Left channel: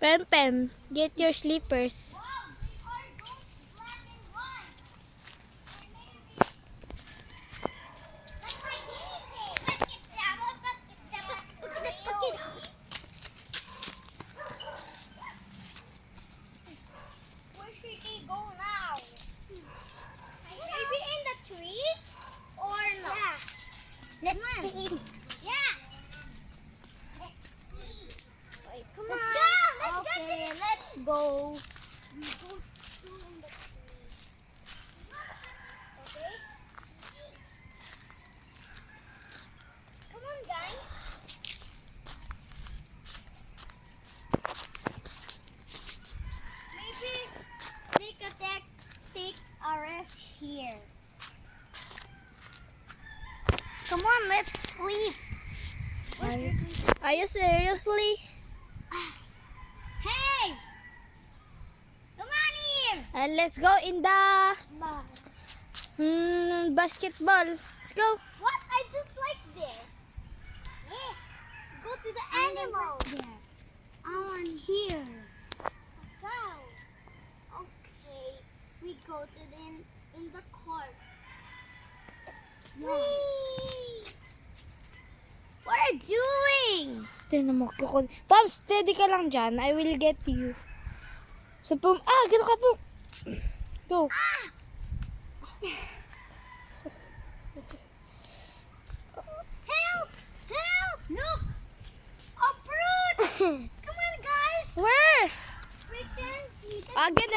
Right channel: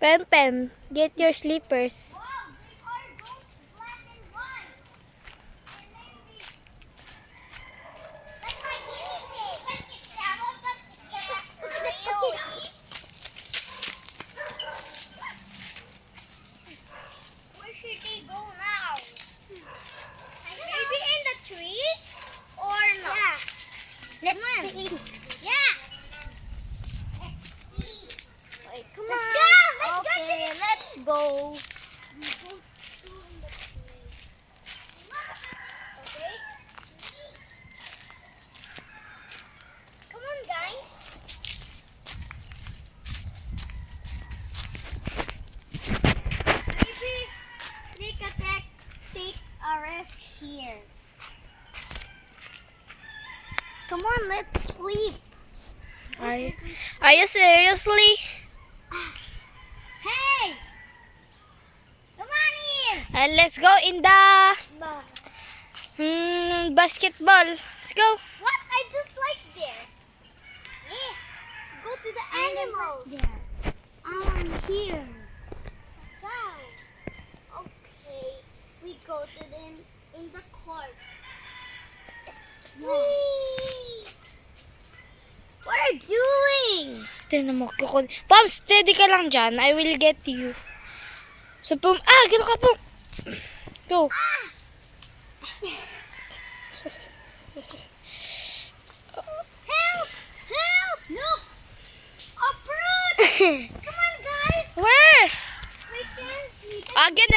Pen Pen, get your slippers. Wow, they are both black and white. Or maybe like my guinea pig. Really? Where should they go now? Maybe in the tree or not? Yeah. Let's see. Yeah. Wait, come on. Let's go. Okay. Come on, guys. Maybe take a rest here. Come on, let's sleep. Are you seriously? Hey! Come on here! And let's go in the basketball. Let's go. What? I just like there. Yeah. Go to the animals. Yeah. On here. Go. Okay. We go to in the court. Whee! What are you doing? Tignan mo. Pam, steady ka lang dyan. I will get you. So, Pam, gano'n ka, Pam. Go. Help! Help! Look! A fruit! Come on, guys! Where? We can see. Again,